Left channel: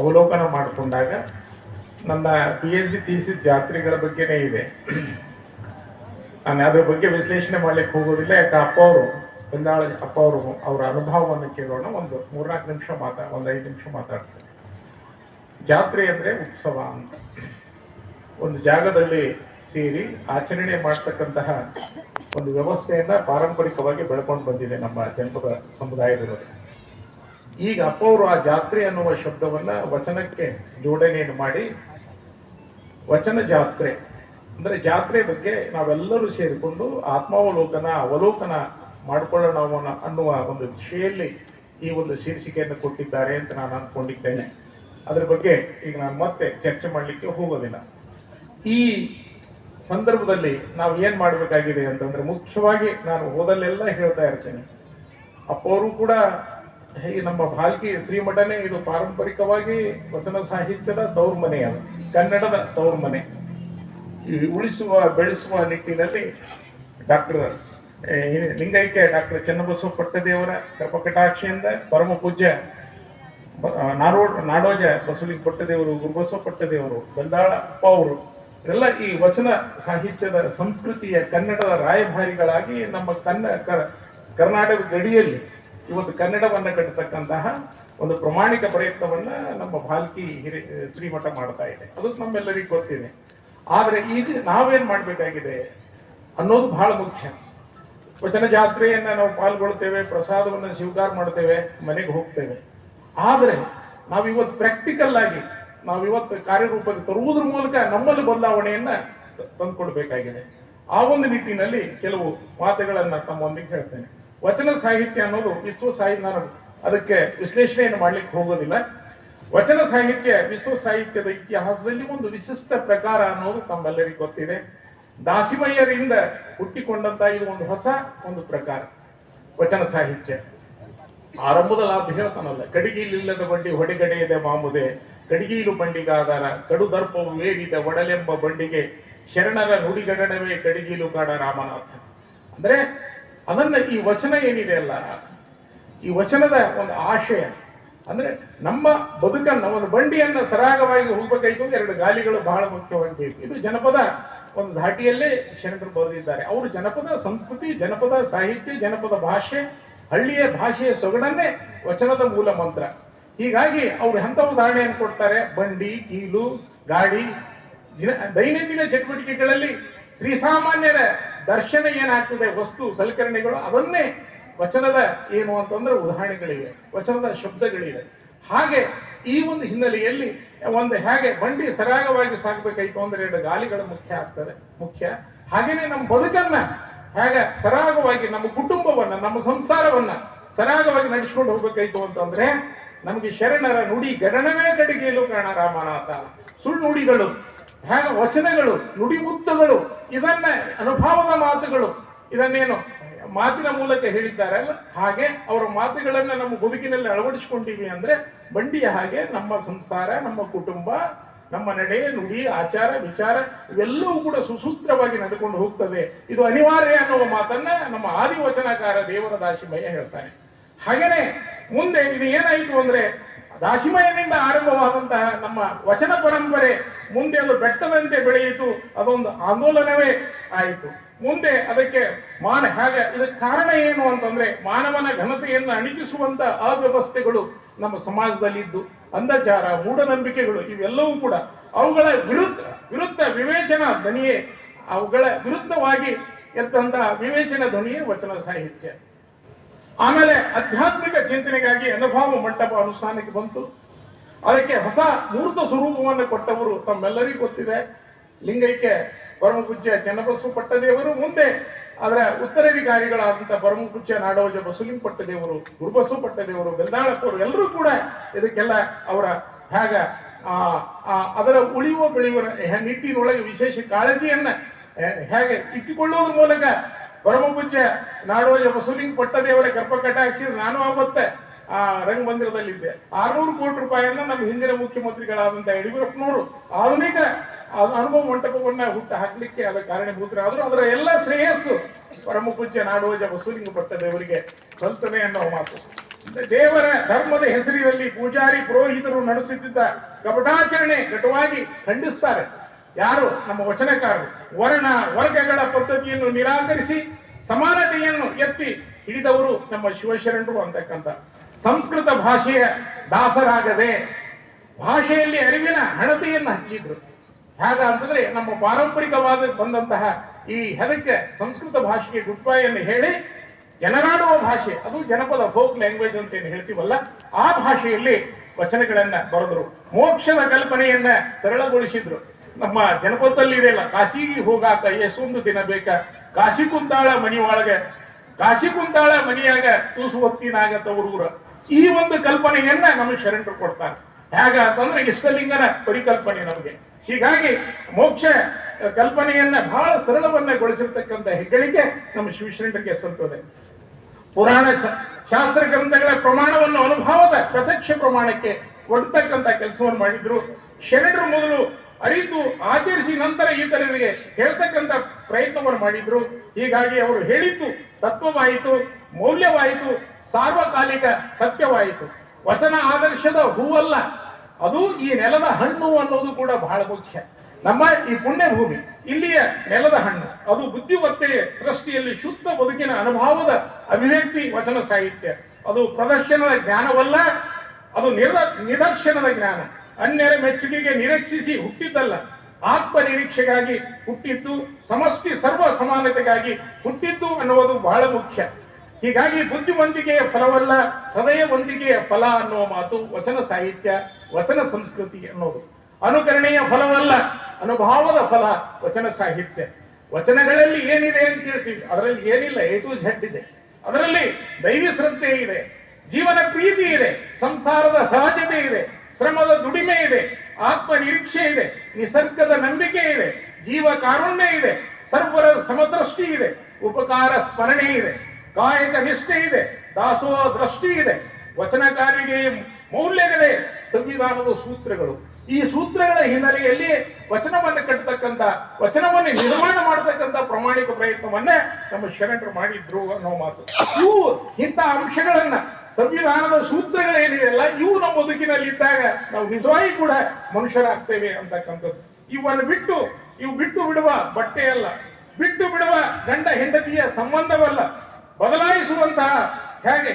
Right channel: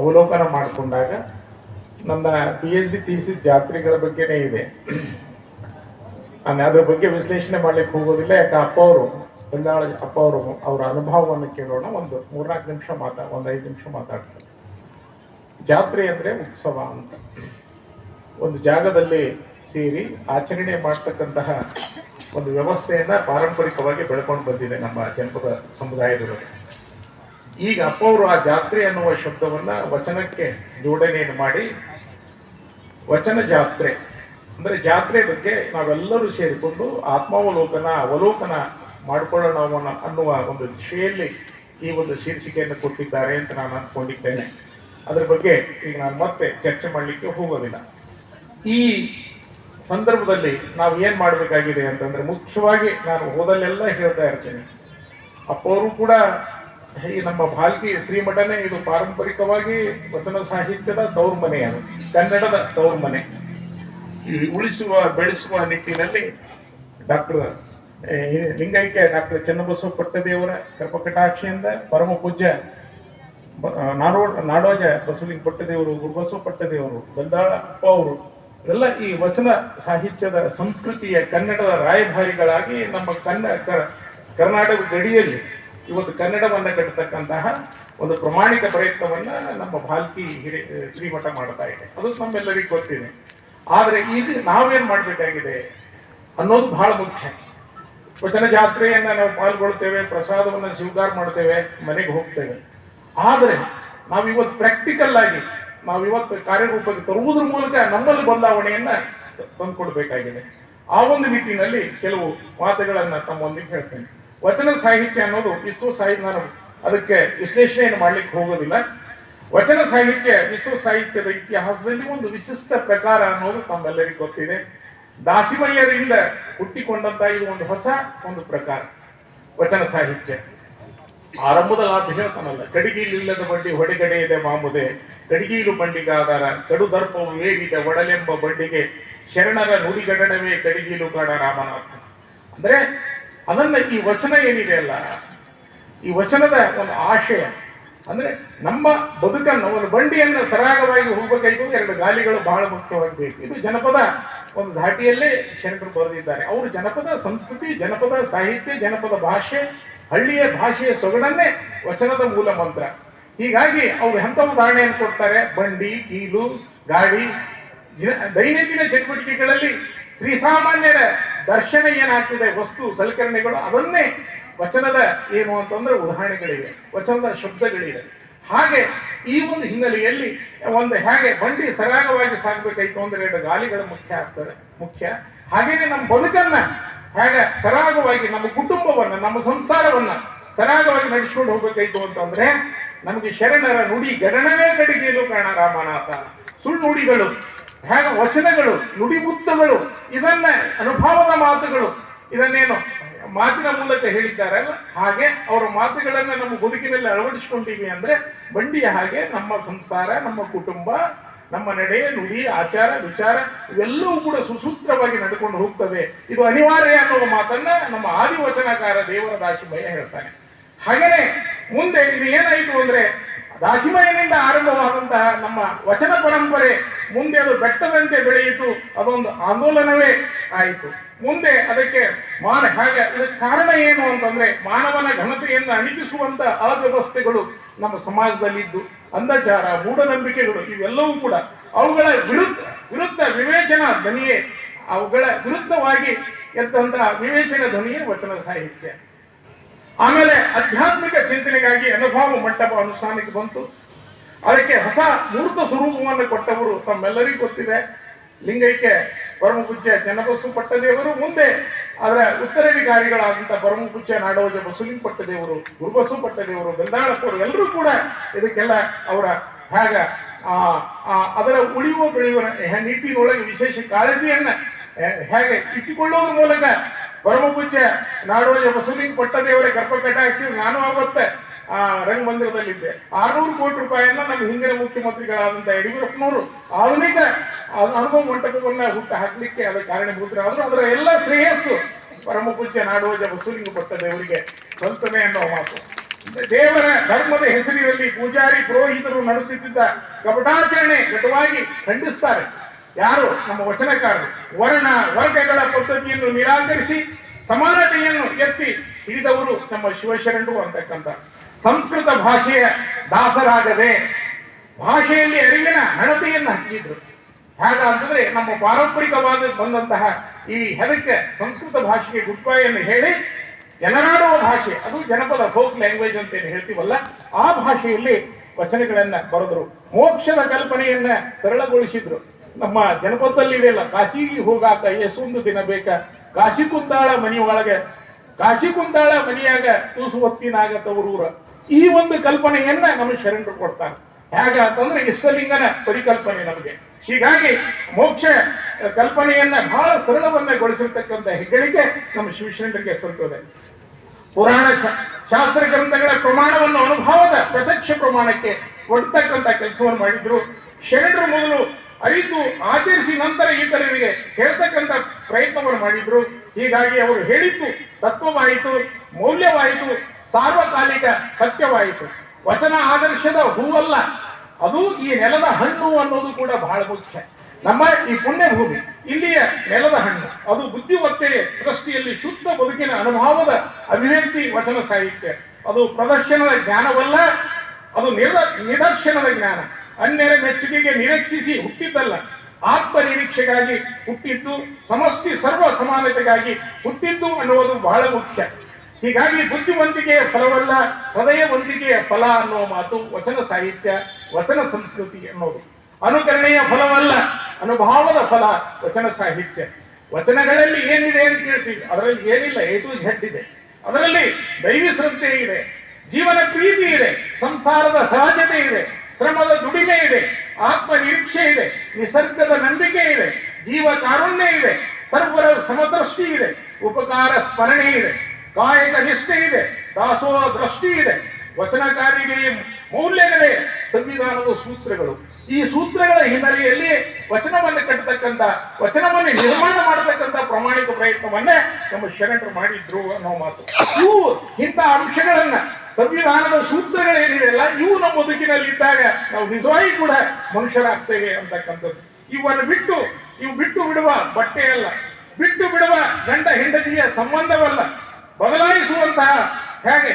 ಅವಲೋಕನ ಮಾಡಿಕೊಂಡಾಗ ನನ್ನ ಪಿ ಎಚ್ ಡಿ ತೀಸಿದ ಜಾತ್ರೆಗಳ ಬಗ್ಗೆನೇ ಇದೆ. ನಾನು ಅದರ ಬಗ್ಗೆ ವಿಶ್ಲೇಷಣೆ ಮಾಡ್ಲಿಕ್ಕೆ ಹೋಗೋದಿಲ್ಲ ಯಾಕೆ ಅಪ್ಪ ಅವರು ಬಂದಾಳ ಅಪ್ಪ ಅವರು, ಅವರ ಅನುಭವವನ್ನು ಕೇಳೋಣ. ಒಂದು ಮೂರ್ನಾಲ್ಕು ನಿಮಿಷ ಮಾತಾ, ಒಂದು ಐದು ನಿಮಿಷ ಮಾತಾಡ್ತಾರೆ ಜಾತ್ರೆ ಅಂದರೆ ಉತ್ಸವ ಅಂತ. ಒಂದು ಜಾಗದಲ್ಲಿ ಸೇರಿ ಆಚರಣೆ ಮಾಡ್ತಕ್ಕಂತಹ ಒಂದು ವ್ಯವಸ್ಥೆಯನ್ನ ಪಾರಂಪರಿಕವಾಗಿ ಬೆಳ್ಕೊಂಡು ಬಂದಿದೆ ನಮ್ಮ ಜನಪದ ಸಮುದಾಯದವರು. ಈಗ ಅಪ್ಪ ಅವರು ಆ ಜಾತ್ರೆ ಅನ್ನುವ ಶಬ್ದವನ್ನ ವಚನಕ್ಕೆ ಜೋಡಣೆಯನ್ನು ಮಾಡಿ, ವಚನ ಜಾತ್ರೆ, ಅಂದ್ರೆ ಜಾತ್ರೆ ಬಗ್ಗೆ ನಾವೆಲ್ಲರೂ ಸೇರಿಕೊಂಡು ಆತ್ಮಾವಲೋಕನ, ಅವಲೋಕನ ಮಾಡಿಕೊಳ್ಳೋಣ ಅನ್ನುವ ಒಂದು ದಿಶೆಯಲ್ಲಿ ಈ ಒಂದು ಶೀರ್ಷಿಕೆಯನ್ನು ಕೊಟ್ಟಿದ್ದಾರೆ ಅಂತ ನಾನು ಅನ್ಕೊಂಡಿದ್ದೇನೆ ಅದ್ರ ಬಗ್ಗೆ ಈಗ ನಾನು ಮತ್ತೆ ಚರ್ಚೆ ಮಾಡಲಿಕ್ಕೆ ಹೋಗೋದಿಲ್ಲ. ಈ ಸಂದರ್ಭದಲ್ಲಿ ನಾವು ಏನ್ ಮಾಡಬೇಕಾಗಿದೆ ಅಂತಂದ್ರೆ ಮುಖ್ಯವಾಗಿ ನಾನು ಓದಲ್ಲೆಲ್ಲ ಹೇಳ್ತಾ ಇರ್ತೇನೆ. ಅಪ್ಪವರು ಕೂಡ ಈ ನಮ್ಮ ಭಾಲ್ಕಿ ಶ್ರೀಮಠನೇ ಇದು ಪಾರಂಪರಿಕವಾಗಿ ವಚನ ಸಾಹಿತ್ಯದ ದೌರ್ಮನೆಯ ಕನ್ನಡದ ದೌರ್ಮನೆ. ಈ ಉಳಿಸುವ, ಬೆಳೆಸುವ ನಿಟ್ಟಿನಲ್ಲಿ ಡಾಕ್ಟರ್ ಲಿಂಗೈಕ್ಯ ಡಾಕ್ಟರ್ ಚನ್ನಬಸವ ಪಟ್ಟದೇವರ ಕರ್ಪಕಟಾಕ್ಷಿಯಿಂದ ಪರಮ ಪೂಜ್ಯ ನಾಡೋ, ನಾಡೋಜ ಬಸವಲಿಂಗ ಪಟ್ಟದೇವರು, ಗುರುಬಸವ ಪಟ್ಟದೇವರು, ಬಂದಾಳ ಅಪ್ಪ ಅವರು, ಎಲ್ಲ ಈ ವಚನ ಸಾಹಿತ್ಯದ ಸಂಸ್ಕೃತಿಯ ಕನ್ನಡದ ರಾಯಭಾರಿಗಳಾಗಿ ನಮ್ಮ ಕನ್ನ ಕರ್ನಾಟಕ ಗಡಿಯಲ್ಲಿ ಇವತ್ತು ಕನ್ನಡವನ್ನ ಕಟ್ಟತಕ್ಕಂತಹ ಒಂದು ಪ್ರಮಾಣಿಕ ಪ್ರಯತ್ನವನ್ನ ನಮ್ಮ ಭಾಲ್ಕಿ ಹಿರಿ, ಶ್ರೀಮಠ ಮಾಡ್ತಾ ಇದೆ. ಅದು ನಮ್ಮೆಲ್ಲರಿಗೂ ಗೊತ್ತಿದೆ. ಆದ್ರೆ ಈಗ ನಾವೇನ್ ಮಾಡ್ಬೇಕಾಗಿದೆ ಅನ್ನೋದು ಬಹಳ ಮುಖ್ಯ. ವಚನ ಜಾತ್ರೆಯನ್ನ ನಾವು ಪಾಲ್ಗೊಳ್ತೇವೆ, ಪ್ರಸಾದವನ್ನ ಸ್ವೀಕಾರ ಮಾಡ್ತೇವೆ, ಮನೆಗೆ ಹೋಗ್ತೇವೆ. ಆದ್ರೆ ನಾವಿವತ್ತು ಪ್ರಾಕ್ಟಿಕಲ್ ಆಗಿ ನಾವು ಇವತ್ತು ಕಾರ್ಯರೂಪಕ್ಕೆ ತರುವುದ್ರ ಮೂಲಕ ನಮ್ಮಲ್ಲಿ ಬದಲಾವಣೆಯನ್ನ ತಂದುಕೊಡ್ಬೇಕಾಗಿದೆ. ಆ ಒಂದು ನಿಟ್ಟಿನಲ್ಲಿ ಕೆಲವು ಮಾತುಗಳನ್ನ ತಮ್ಮೊಂದಿಗೆ ಹೇಳ್ತೇನೆ. ವಚನ ಸಾಹಿತ್ಯ ಅನ್ನೋದು ವಿಶ್ವ ಸಾಹಿತ್ಯ ನಾನು ಅದಕ್ಕೆ ವಿಶ್ಲೇಷಣೆಯನ್ನು ಮಾಡ್ಲಿಕ್ಕೆ ಹೋಗೋದಿಲ್ಲ. ವಚನ ಸಾಹಿತ್ಯ ವಿಶ್ವ ಸಾಹಿತ್ಯದ ಇತಿಹಾಸದಲ್ಲಿ ಒಂದು ವಿಶಿಷ್ಟ ಪ್ರಕಾರ ಅನ್ನೋದು ತಮ್ಮೆಲ್ಲರಿಗೂ ಗೊತ್ತಿದೆ. ದಾಸಿಮಯ್ಯರಿಂದ ಹುಟ್ಟಿಕೊಂಡಂತ ಇದು ಒಂದು ಹೊಸ ಒಂದು ಪ್ರಕಾರ, ವಚನ ಸಾಹಿತ್ಯ. ಆರಂಭದ ಲಾಭ ಹೇಳ್ತಾನಲ್ಲ ಕಡಿಗೀಲಿಲ್ಲದ ಬಂಡಿ ಹೊಡೆಗಡೆಯದೆ ಮಾಮುದೆ, ಕಡಿಗೀಲು ಬಂಡಿಗಾದಾರ, ಕಡು ದರ್ಪವು ಏರಿದ ಒಡಲೆಂಬ ಬಂಡಿಗೆ, ಶರಣರ ನುಡಿಗಡನವೇ ಕಡಿಗೀಲು ಕಾಡ ರಾಮನಾಥ. ಅಂದ್ರೆ ಅದನ್ನ ಈ ವಚನ ಏನಿದೆ ಅಲ್ಲ, ಈ ವಚನದ ಒಂದು ಆಶಯ, ಅಂದ್ರೆ ನಮ್ಮ ಬದುಕನ್ನು, ಒಂದು ಬಂಡಿಯನ್ನು ಸರಾಗವಾಗಿ ಹೋಗಬೇಕಾಯ್ತು, ಎರಡು ಗಾಲಿಗಳು ಬಹಳ ಮುಖ್ಯವಾಗಿ ಬೇಕು. ಇದು ಜನಪದ ಒಂದು ಘಾಟಿಯಲ್ಲೇ ಶರಣರು ಬರೆದಿದ್ದಾರೆ. ಅವರು ಜನಪದ ಸಂಸ್ಕೃತಿ, ಜನಪದ ಸಾಹಿತ್ಯ, ಜನಪದ ಭಾಷೆ, ಹಳ್ಳಿಯ ಭಾಷೆಯ ಸೊಗಡನ್ನೇ ವಚನದ ಮೂಲ ಮಂತ್ರ. ಹೀಗಾಗಿ ಅವರು ಎಂಥ ಉದಾಹರಣೆಯನ್ನು ಕೊಡ್ತಾರೆ? ಬಂಡಿ, ಕೀಲು, ಗಾಡಿ, ದಿನ- ದೈನಂದಿನ ಚಟುವಟಿಕೆಗಳಲ್ಲಿ ಶ್ರೀಸಾಮಾನ್ಯರ ದರ್ಶನ ಏನಾಗ್ತದೆ, ವಸ್ತು ಸಲಕರಣೆಗಳು ಅದನ್ನೇ ವಚನದ ಏನು ಅಂತಂದ್ರೆ ಉದಾಹರಣೆಗಳಿವೆ, ವಚನದ ಶಬ್ದಗಳಿವೆ. ಹಾಗೆ ಈ ಒಂದು ಹಿನ್ನೆಲೆಯಲ್ಲಿ ಒಂದು ಹೇಗೆ ಬಂಡಿ ಸರಾಗವಾಗಿ ಸಾಗಬೇಕಾಯ್ತು ಅಂದ್ರೆ ಗಾಲಿಗಳು ಮುಖ್ಯ ಆಗ್ತದೆ, ಮುಖ್ಯ. ಹಾಗೇನೆ ನಮ್ಮ ಬದುಕನ್ನ ಹೇಗೆ ಸರಾಗವಾಗಿ, ನಮ್ಮ ಕುಟುಂಬವನ್ನ, ನಮ್ಮ ಸಂಸಾರವನ್ನ ಸರಾಗವಾಗಿ ನಡೆಸ್ಕೊಂಡು ಹೋಗ್ಬೇಕಾಯ್ತು ಅಂತಂದ್ರೆ ನಮಗೆ ಶರಣರ ನುಡಿ ಗಣನವೇ ಕಡೆಗೆ ಕಾರಣ ರಾಮನಾಥ. ಸುಳ್ಳು ನುಡಿಗಳು ಹೇಗೆ ವಚನಗಳು ನುಡಿಮುತ್ತಗಳು ಇದನ್ನ ಅನುಭವದ ಮಾತುಗಳು. ಇದನ್ನೇನು ಮಾತಿನ ಮೂಲಕ ಹೇಳಿದ್ದಾರಲ್ಲ ಹಾಗೆ ಅವರ ಮಾತುಗಳನ್ನ ನಮ್ಮ ಬದುಕಿನಲ್ಲಿ ಅಳವಡಿಸಿಕೊಂಡಿವಿ ಅಂದ್ರೆ ಬಂಡಿಯ ಹಾಗೆ ನಮ್ಮ ಸಂಸಾರ, ನಮ್ಮ ಕುಟುಂಬ, ನಮ್ಮ ನಡೆ, ನುಡಿ, ಆಚಾರ, ವಿಚಾರ ಇವೆಲ್ಲವೂ ಕೂಡ ಸುಸೂತ್ರವಾಗಿ ನಡ್ಕೊಂಡು ಹೋಗ್ತವೆ. ಇದು ಅನಿವಾರ್ಯ ಅನ್ನುವ ಮಾತನ್ನ ನಮ್ಮ ಆದಿವಚನಕಾರ ದೇವರ ದಾಶಿಮಯ್ಯ ಹೇಳ್ತಾನೆ. ಹಾಗೇನೆ ಮುಂದೆ ಇದು ಏನಾಯಿತು ಅಂದ್ರೆ ದಾಸಿಮಯನಿಂದ ಆರಂಭವಾದಂತಹ ನಮ್ಮ ವಚನ ಪರಂಪರೆ ಮುಂದೆ ಅದು ಬೆಟ್ಟದಂತೆ ಬೆಳೆಯಿತು, ಅದೊಂದು ಆಂದೋಲನವೇ ಆಯಿತು. ಮುಂದೆ ಅದಕ್ಕೆ ಮಾನ ಹಾಗೆ ಅದಕ್ಕೆ ಕಾರಣ ಏನು ಅಂತಂದ್ರೆ ಮಾನವನ ಘನತೆಯನ್ನು ಅಣಿಗಿಸುವಂತ ಅವ್ಯವಸ್ಥೆಗಳು ನಮ್ಮ ಸಮಾಜದಲ್ಲಿದ್ದು, ಅಂಧಚಾರ, ಮೂಢನಂಬಿಕೆಗಳು ಇವೆಲ್ಲವೂ ಕೂಡ ಅವುಗಳ ವಿರುದ್ಧ ವಿರುದ್ಧ ವಿವೇಚನಾ ಧ್ವನಿಯೇ ಅವುಗಳ ವಿರುದ್ಧವಾಗಿ ಎದ್ದಂತಹ ವಿವೇಚನ ಧ್ವನಿಯೇ ವಚನ ಸಾಹಿತ್ಯ. ಆಮೇಲೆ ಆಧ್ಯಾತ್ಮಿಕ ಚಿಂತನೆಗಾಗಿ ಅನುಭವ ಮಂಟಪ ಅನುಷ್ಠಾನಕ್ಕೆ ಬಂತು. ಅದಕ್ಕೆ ಹೊಸ ಮೂರ್ತ ಸ್ವರೂಪವನ್ನು ಕೊಟ್ಟವರು ತಮ್ಮೆಲ್ಲರಿಗೂ ಗೊತ್ತಿದೆ. ಲಿಂಗೈಕ್ಯ, ಪರಮಪೂಜ್ಯ, ಜನಬಸು ಪಟ್ಟದೇವರು, ಮುಂದೆ ಅದರ ಉತ್ತರಾಧಿಕಾರಿಗಳಾದಂಥ ಪರಮಪೂಜ್ಯ ನಾಡೋಜ ಬಸುಲಿಂಗ್ ಪಟ್ಟದೇವರು, ಗುರುಬಸು ಪಟ್ಟದೇವರು ಬೆಂದಾಳಪ್ಪರು ಎಲ್ಲರೂ ಕೂಡ ಇದಕ್ಕೆಲ್ಲ ಅವರ ಭಾಗ. ಅದರ ಉಳಿಯುವ ಬೆಳೆಯುವ ನಿಟ್ಟಿನೊಳಗೆ ವಿಶೇಷ ಕಾಳಜಿಯನ್ನ ಹೇಗೆ ಇಟ್ಟುಕೊಳ್ಳುವ ಮೂಲಕ ಪರಮಪೂಜ್ಯ ನಾಡೋಜ ಬಸವಲಿಂಗ ಪಟ್ಟದೇವರ ಗರ್ಭ ಕಟಾಕ್ಷಿ ನಾನು ಆಗುತ್ತೆ ಆ ರಂಗಮಂದಿರದಲ್ಲಿದ್ದೆ. ಆರ್ನೂರು ಕೋಟಿ ರೂಪಾಯಿಯನ್ನ ನಮ್ಮ ಹಿಂದಿನ ಮುಖ್ಯಮಂತ್ರಿಗಳಾದಂಥ ಯಡಿಯೂರಪ್ಪನವರು ಆಧುನಿಕ ಅನುಭವ ಮಂಟಪವನ್ನ ಹುಟ್ಟು ಹಾಕ್ಲಿಕ್ಕೆ ಅದರ ಕಾರಣಭೂತರಾದ್ರು ಅದರ ಎಲ್ಲ ಶ್ರೇಯಸ್ಸು ಪರಮ ಪೂಜ್ಯ ನಾಡೋಜ ಕೊಟ್ಟ ದೇವರಿಗೆ ಸಂತತೆ ಅನ್ನೋ ಮಾತು. ದೇವರ ಧರ್ಮದ ಹೆಸರಿನಲ್ಲಿ ಪೂಜಾರಿ ಪುರೋಹಿತರು ನಡೆಸುತ್ತಿದ್ದ ಕಪಟಾಚರಣೆ ಕಟವಾಗಿ ಖಂಡಿಸ್ತಾರೆ. ಯಾರು? ನಮ್ಮ ವಚನಕಾರರು. ವರ್ಣ, ವರ್ಗಗಳ ಪದ್ಧತಿಯನ್ನು ನಿರಾಕರಿಸಿ, ಸಮಾನತೆಯನ್ನು ಎತ್ತಿ ಹಿಡಿದವರು ನಮ್ಮ ಶಿವಶರಣರು ಅಂತಕ್ಕಂಥ ಸಂಸ್ಕೃತ ಭಾಷೆಯ ದಾಸರಾಗದೆ ಭಾಷೆಯಲ್ಲಿ ಅರಿವಿನ ಹಣತೆಯನ್ನು ಹೇಗ ಹೇಗಂತಂದ್ರೆ ನಮ್ಮ ಪಾರಂಪರಿಕವಾದ ಬಂದಂತಹ ಈ ಹೆದಕ್ಕೆ ಸಂಸ್ಕೃತ ಭಾಷೆಗೆ ಗುಡ್ಬಾಯನ್ನು ಹೇಳಿ, ಜನನಾಡುವ ಭಾಷೆ, ಅದು ಜನಪದ ಫೋಕ್ ಲ್ಯಾಂಗ್ವೇಜ್ ಅಂತ ಏನು ಹೇಳ್ತೀವಲ್ಲ, ಆ ಭಾಷೆಯಲ್ಲಿ ವಚನಗಳನ್ನ ಬರೆದ್ರು. ಮೋಕ್ಷದ ಕಲ್ಪನೆಯನ್ನ ಸರಳಗೊಳಿಸಿದ್ರು. ನಮ್ಮ ಜನಪದದಲ್ಲಿ ಇದೆಯಲ್ಲ ಕಾಶಿಗೆ ಹೋಗಾಕ ಎಷ್ಟೊಂದು ದಿನ ಬೇಕ? ಕಾಶಿ ಕುಂದಾಳ ಒಳಗೆ, ಕಾಶಿ ಕುಂದಾಳ ಮನಿಯಾಗ ತೂಸು ಹೊತ್ತಿನಾಗ ತವರೂರ ಈ ಒಂದು ಕಲ್ಪನೆಯನ್ನ ನಮಗೆ ಶರಣರು ಕೊಡ್ತಾರೆ. ಹೇಗ ಅಂತಂದ್ರೆ ಇಷ್ಟಲಿಂಗನ ಪರಿಕಲ್ಪನೆ ನಮಗೆ. ಹೀಗಾಗಿ ಮೋಕ್ಷ ಕಲ್ಪನೆಯನ್ನ ಬಹಳ ಸರಳವನ್ನಗೊಳಿಸಿರ್ತಕ್ಕಂಥ ಹೆಗ್ಗಳಿಕೆ ನಮ್ಮ ಶಿವಶರಣರಿಗೆ ಸಲ್ತದೆ. ಪುರಾಣ ಶಾಸ್ತ್ರ ಗ್ರಂಥಗಳ ಪ್ರಮಾಣವನ್ನು ಅನುಭವದ ಪ್ರತ್ಯಕ್ಷ ಪ್ರಮಾಣಕ್ಕೆ ಕೊಡ್ತಕ್ಕಂಥ ಕೆಲಸವನ್ನು ಮಾಡಿದ್ರು. ಶರಣರು ಮೊದಲು ಅರಿತು ಆಚರಿಸಿ ನಂತರ ಇತರರಿಗೆ ಹೇಳ್ತಕ್ಕಂಥ ಪ್ರಯತ್ನವನ್ನು ಮಾಡಿದ್ರು. ಹೀಗಾಗಿ ಅವರು ಹೇಳಿತ್ತು ತತ್ವವಾಯಿತು, ಮೌಲ್ಯವಾಯಿತು, ಸಾರ್ವಕಾಲಿಕ ಸತ್ಯವಾಯಿತು. ವಚನ ಆದರ್ಶದ ಹೂವಲ್ಲ, ಅದು ಈ ನೆಲದ ಹಣ್ಣು ಅನ್ನೋದು ಕೂಡ ಬಹಳ ಮುಖ್ಯ. ನಮ್ಮ ಈ ಪುಣ್ಯ ಭೂಮಿ ಇಲ್ಲಿಯ ನೆಲದ ಹಣ್ಣು, ಅದು ಬುದ್ಧಿಮತ್ತೆಯ ಸೃಷ್ಟಿಯಲ್ಲಿ ಶುದ್ಧ ಬದುಕಿನ ಅನುಭವದ ಅಭಿವ್ಯಕ್ತಿ ವಚನ ಸಾಹಿತ್ಯ. ಅದು ಪ್ರದರ್ಶನದ ಜ್ಞಾನವಲ್ಲ, ಅದು ನಿರ ನಿದರ್ಶನದ ಜ್ಞಾನ. ಅನ್ಯರ ಮೆಚ್ಚುಗೆಗೆ ನಿರೀಕ್ಷಿಸಿ ಹುಟ್ಟಿದ್ದಲ್ಲ. ಆತ್ಮ ನಿರೀಕ್ಷೆಗಾಗಿ ಹುಟ್ಟಿದ್ದು, ಸಮಷ್ಟಿ ಸರ್ವ ಸಮಾನತೆಗಾಗಿ ಹುಟ್ಟಿದ್ದು ಅನ್ನುವುದು ಬಹಳ ಮುಖ್ಯ. ಹೀಗಾಗಿ ಬುದ್ಧಿವಂತಿಕೆಯ ಫಲವಲ್ಲ, ಹೃದಯವಂತಿಕೆಯ ಫಲ ಅನ್ನುವ ಮಾತು ವಚನ ಸಾಹಿತ್ಯ, ವಚನ ಸಂಸ್ಕೃತಿ ಅನ್ನೋದು. ಅನುಕರಣೆಯ ಫಲವಲ್ಲ, ಅನುಭಾವದ ಫಲ ವಚನ ಸಾಹಿತ್ಯ. ವಚನಗಳಲ್ಲಿ ಏನಿದೆ ಅಂತ ಕೇಳ್ತೀವಿ. ಅದರಲ್ಲಿ ಏನಿಲ್ಲ ಏಟು ಝಡ್ ಇದೆ. ಅದರಲ್ಲಿ ದೈವಿ ಶ್ರದ್ಧೆ ಇದೆ, ಜೀವನ ಪ್ರೀತಿ ಇದೆ, ಸಂಸಾರದ ಸಹಜತೆ ಇದೆ. ಶ್ರಮದ ದುಡಿಮೆ ಇದೆ ಆತ್ಮ ನಿರೀಕ್ಷೆ ಇದೆ, ನಿಸರ್ಗದ ನಂಬಿಕೆ ಇದೆ ಜೀವ ಕಾರುಣ್ಯ ಇದೆ, ಸರ್ವರ ಸಮದೃಷ್ಟಿ ಇದೆ, ಉಪಕಾರ ಸ್ಮರಣೆ ಇದೆ, ಕಾಯಕ ನಿಷ್ಠೆ ಇದೆ ದಾಸೋಹ ದೃಷ್ಟಿ ಇದೆ, ವಚನಕಾರಿಗೆ ಮೌಲ್ಯಗಳೇ ಸಂವಿಧಾನದ ಸೂತ್ರಗಳು. ಈ ಸೂತ್ರಗಳ ಹಿನ್ನೆಲೆಯಲ್ಲಿ ವಚನವನ್ನು ಕಟ್ಟತಕ್ಕಂಥ, ವಚನವನ್ನು ನಿರ್ಮಾಣ ಮಾಡತಕ್ಕಂಥ ಪ್ರಾಮಾಣಿಕ ಪ್ರಯತ್ನವನ್ನೇ ನಮ್ಮ ಶರಣರು ಮಾಡಿದ್ರು ಅನ್ನೋ ಮಾತು. ಇವು ಇಂಥ ಅಂಶಗಳನ್ನ ಸಂವಿಧಾನದ ಸೂತ್ರಗಳೇನಿದೆಯಲ್ಲ ಇವು ನಮ್ಮ ಬದುಕಿನಲ್ಲಿ ಇದ್ದಾಗ ನಾವು ನಿಜವಾಗಿ ಕೂಡ ಮನುಷ್ಯರಾಗ್ತೇವೆ ಅಂತಕ್ಕಂಥದ್ದು. ಇವನ್ನು ಬಿಟ್ಟು ಇವು ಬಿಟ್ಟು ಬಿಡುವ ಬಟ್ಟೆಯಲ್ಲ ಬಿಟ್ಟು ಬಿಡುವ ಗಂಡ ಹೆಂಡತಿಯ ಸಂಬಂಧವಲ್ಲ. ಬದಲಾಯಿಸುವಂತಹ ಹೇಗೆ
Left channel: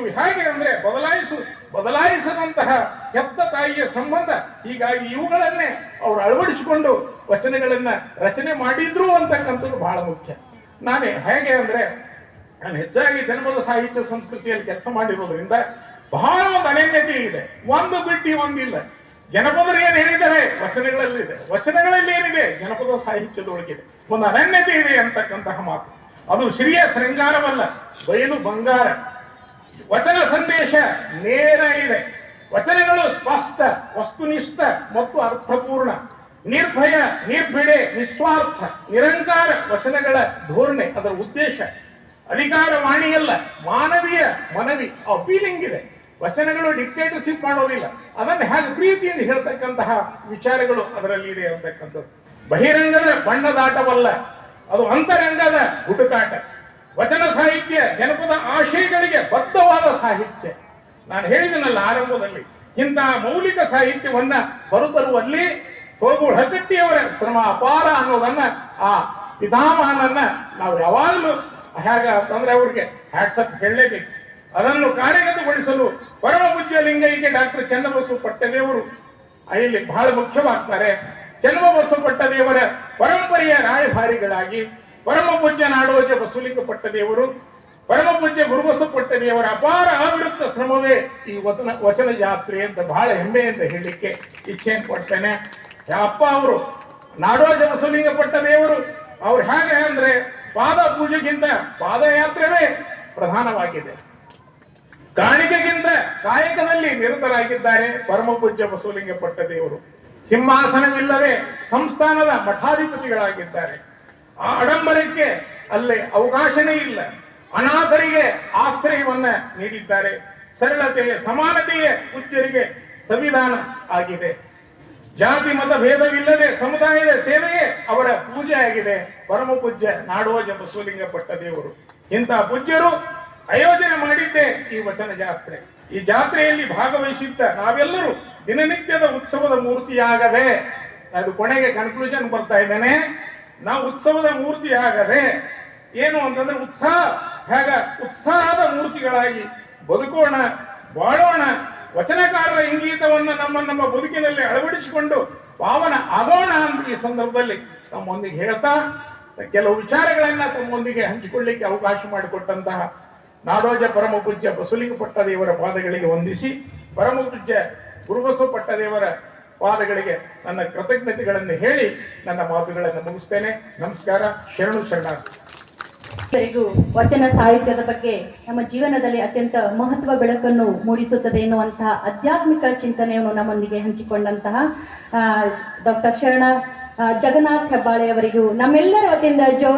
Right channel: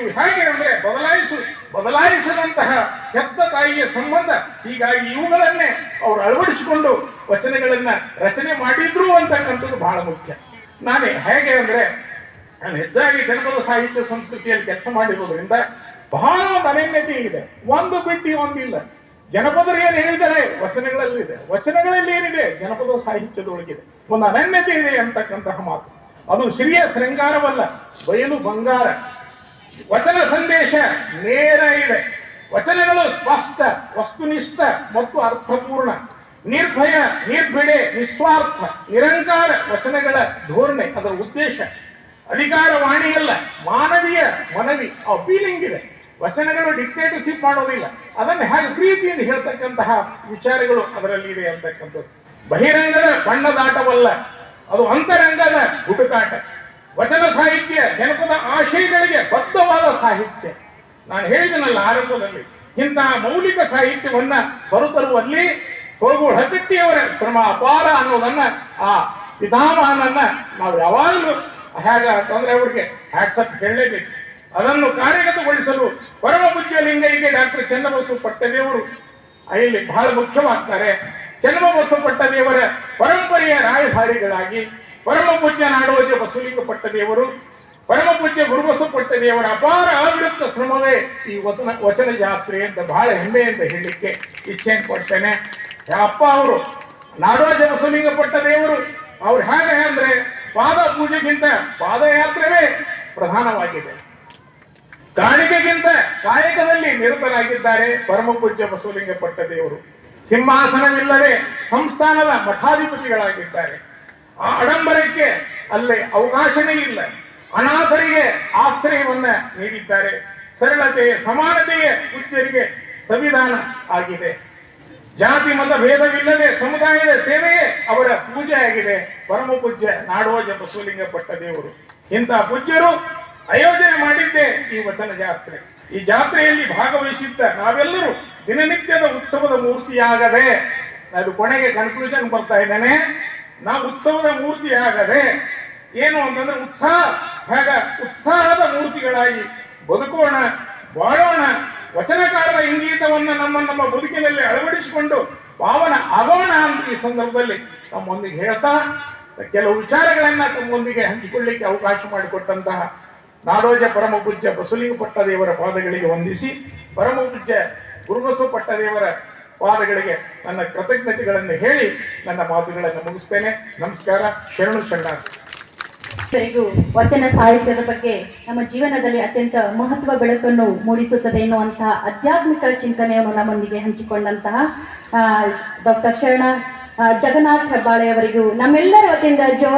ಇವು ಹೇಗೆ ಅಂದ್ರೆ ಬದಲಾಯಿಸು ಬದಲಾಯಿಸದಂತಹ ಹೆತ್ತ ತಾಯಿಯ ಸಂಬಂಧ. ಹೀಗಾಗಿ ಇವುಗಳನ್ನೇ ಅವರು ಅಳವಡಿಸಿಕೊಂಡು ವಚನಗಳನ್ನ ರಚನೆ ಮಾಡಿದ್ರು ಅಂತಕ್ಕಂಥದ್ದು ಬಹಳ ಮುಖ್ಯ. ನಾನೇ ಹೇಗೆ ಅಂದ್ರೆ, ನಾನು ಹೆಚ್ಚಾಗಿ ಜನಪದ ಸಾಹಿತ್ಯ ಸಂಸ್ಕೃತಿಯಲ್ಲಿ ಕೆಲಸ ಮಾಡಿರೋದ್ರಿಂದ ಬಹಳ ಒಂದು ಅನನ್ಯತೆ ಇದೆ. ಒಂದು ಬಿಟ್ಟು ಒಂದಿಲ್ಲ ಜನಪದರು ಏನು ಹೇಳಿದ್ದಾರೆ? ವಚನಗಳಲ್ಲಿ ಇದೆ ವಚನಗಳಲ್ಲಿ ಏನಿದೆ? ಜನಪದ ಸಾಹಿತ್ಯದೊಳಗಿದೆ. ಒಂದು ಅನನ್ಯತೆ ಇದೆ ಅಂತಕ್ಕಂತಹ ಮಾತು. ಅದು ಶ್ರೀಯ ಶೃಂಗಾರವಲ್ಲ. ಬಯಲು ಬಂಗಾರ. ವಚನ ಸಂದೇಶ ನೇರ ಇದೆ. ವಚನಗಳು ಸ್ಪಷ್ಟ, ವಸ್ತುನಿಷ್ಠ, ಮತ್ತು ಅರ್ಥಪೂರ್ಣ. ನಿರ್ಭಯ, ನಿರ್ಭಿಡೆ, ನಿಸ್ವಾರ್ಥ, ನಿರಂಕಾರ ವಚನಗಳ ಧೋರಣೆ. ಅದರ ಉದ್ದೇಶ ಅಧಿಕಾರ ವಾಣಿಯಲ್ಲ ಮಾನವೀಯ ಮನವಿ. ಫೀಲಿಂಗ್ ಇದೆ. ವಚನಗಳು ಡಿಕ್ಟೇಟರ್ಶಿಪ್ ಮಾಡೋದಿಲ್ಲ ಅದನ್ನು ಹೇಗೆ ಪ್ರೀತಿಯಿಂದ ಹೇಳ್ತಕ್ಕಂತಹ ವಿಚಾರಗಳು ಅದರಲ್ಲಿ ಇದೆ ಅಂತಕ್ಕಂಥದ್ದು. ಬಹಿರಂಗದ ಬಣ್ಣದಾಟವಲ್ಲ, ಅದು ಅಂತರಂಗದ ಹುಡುಕಾಟ. ವಚನ ಸಾಹಿತ್ಯ ಜನಪದ ಆಶಯಗಳಿಗೆ ಬದ್ಧವಾದ ಸಾಹಿತ್ಯ. ನಾನು ಹೇಳಿದನಲ್ಲ ಆರಂಭದಲ್ಲಿ ಇಂತಹ ಮೌಲಿಕ ಸಾಹಿತ್ಯವನ್ನ ಹೊರತರುವಲ್ಲಿ ಹೋಗು ಹಗಟ್ಟಿಯವರ ಶ್ರಮ ಅಪಾರ ಅನ್ನೋದನ್ನ ಆ ಪಿತಾಮಹನನ್ನ ನಾವು ಯಾವಾಗಲೂ ಹೇಗ ಅಂತಂದ್ರೆ ಅವ್ರಿಗೆ ಹ್ಯಾಟ್ಸಪ್ ಹೇಳಲೇಬೇಕು. ಅದನ್ನು ಕಾರ್ಯಗತಗೊಳಿಸಲು ಪರಮ ಪೂಜ್ಯ ಲಿಂಗೈಗೆ ಡಾಕ್ಟರ್ ಚನ್ನಬಸವ ಪಟ್ಟದೇವರು ಇಲ್ಲಿ ಬಹಳ ಮುಖ್ಯವಾಗ್ತಾರೆ. ಚನ್ನಬಸವ ಪಟ್ಟದೇವರ ಪರಂಪರೆಯ ರಾಯಭಾರಿಗಳಾಗಿ ಪರಮ ಪೂಜ್ಯ ನಾಡೋಜ ಬಸವಲಿಂಗ ಪಟ್ಟದೇವರು ಪರಮ ಪೂಜ್ಯ ಗುರುಬಸವ ಪಟ್ಟದೇವರ ಅಪಾರ ಆವಿರುತ್ತ ಶ್ರಮವೇ ಈ ವಚನ ವಚನ ಜಾತ್ರೆ ಅಂತ ಬಹಳ ಹೆಮ್ಮೆ ಅಂತ ಹೇಳಲಿಕ್ಕೆ ಇಚ್ಛೆಯನ್ನು ಕೊಡ್ತೇನೆ ಅಪ್ಪ ಅವರು ನಾಡೋಜ ಬಸವಲಿಂಗ ಪಟ್ಟದೇವರು, ಅವ್ರು ಹೇಗೆ ಅಂದ್ರೆ ಪಾದ ಪೂಜೆಗಿಂತ ಪಾದಯಾತ್ರೆವೇ ಪ್ರಧಾನವಾಗಿದೆ. ಕಾಣಿಕೆಗಿಂತ ಕಾಯಕದಲ್ಲಿ ನಿರತರಾಗಿದ್ದಾರೆ ಪರಮ ಪೂಜ್ಯ ಬಸವಲಿಂಗ ಪಟ್ಟದೇವರು ಸಿಂಹಾಸನವಿಲ್ಲದೆ ಸಂಸ್ಥಾನದ ಮಠಾಧಿಪತಿಗಳಾಗಿದ್ದಾರೆ. ಆ ಅಡಂಬರಕ್ಕೆ ಅಲ್ಲಿ ಅವಕಾಶವೇ ಇಲ್ಲ. ಅನಾಥರಿಗೆ ಆಶ್ರಯವನ್ನ ನೀಡಿದ್ದಾರೆ. ಸರಳತೆಯ, ಸಮಾನತೆಯ ಪೂಜ್ಯರಿಗೆ ಸಂವಿಧಾನ ಆಗಿದೆ. ಜಾತಿ ಮತ ಭೇದವಿಲ್ಲದೆ ಸಮುದಾಯದ ಸೇವೆಯೇ ಅವರ ಪೂಜೆ ಆಗಿದೆ ಪರಮ ಪೂಜ್ಯ ನಾಡೋಜ ಬಸವಲಿಂಗ ಪಟ್ಟದೇವರು ಇಂಥ ಪೂಜ್ಯರು ಆಯೋಜನೆ ಮಾಡಿದ್ದೆ ಈ ವಚನ ಜಾತ್ರೆ. ಈ ಜಾತ್ರೆಯಲ್ಲಿ ಭಾಗವಹಿಸಿದ್ದ ನಾವೆಲ್ಲರೂ ದಿನನಿತ್ಯದ ಉತ್ಸವದ ಮೂರ್ತಿಯಾಗದೆ, ಅದು ಕೊನೆಗೆ ಕನ್ಕ್ಲೂಷನ್ ಬರ್ತಾ ಇದ್ದೇನೆ, ನಾವು ಉತ್ಸವದ ಮೂರ್ತಿಯಾಗದೆ ಏನು ಅಂತಂದ್ರೆ ಉತ್ಸಾಹ ಹೇಗ ಉತ್ಸಾಹದ ಮೂರ್ತಿಗಳಾಗಿ ಬದುಕೋಣ, ಬಾಳೋಣ ವಚನಕಾರರ ಇಂಗೀತವನ್ನ ನಮ್ಮ ನಮ್ಮ ಬದುಕಿನಲ್ಲಿ ಅಳವಡಿಸಿಕೊಂಡು ಪಾವನ ಆಗೋಣ ಅಂತ ಈ ಸಂದರ್ಭದಲ್ಲಿ ತಮ್ಮೊಂದಿಗೆ ಹೇಳ್ತಾ, ಕೆಲವು ವಿಚಾರಗಳನ್ನ ತಮ್ಮೊಂದಿಗೆ ಹಂಚಿಕೊಳ್ಳಿಕ್ಕೆ ಅವಕಾಶ ಮಾಡಿಕೊಟ್ಟಂತಹ ನಾಡೋಜ ಪರಮ ಪೂಜ್ಯ ಬಸುಲಿಂಗ ಪಟ್ಟದೇವರ ಪಾದಗಳಿಗೆ ವಂದಿಸಿ ಪರಮ ಪೂಜ್ಯ ದೇವರ ಪಾದಗಳಿಗೆ ನನ್ನ ಕೃತಜ್ಞತೆಗಳನ್ನು ಹೇಳಿ ನನ್ನ ಮಾತುಗಳನ್ನು ಮುಗಿಸ್ತೇನೆ. ನಮಸ್ಕಾರ, ಶರಣು ಶರಣಾರ್ಥಿ ಎಲ್ಲರಿಗೂ ವಚನ ಸಾಹಿತ್ಯದ ಬಗ್ಗೆ ನಮ್ಮ ಜೀವನದಲ್ಲಿ ಅತ್ಯಂತ ಮಹತ್ವ ಬೆಳಕನ್ನು ಮೂಡಿಸುತ್ತದೆ ಎನ್ನುವಂತಹ ಆಧ್ಯಾತ್ಮಿಕ ಚಿಂತನೆಯನ್ನು ನಮ್ಮೊಂದಿಗೆ ಹಂಚಿಕೊಂಡಂತಹ ಡಾಕ್ಟರ್ ಶರಣ ಜಗನ್ನಾಥ್ ಹೆಬ್ಬಾಳೆ ಅವರಿಗೂ ನಮ್ಮೆಲ್ಲರ ವತಿಯಿಂದ ಜೋ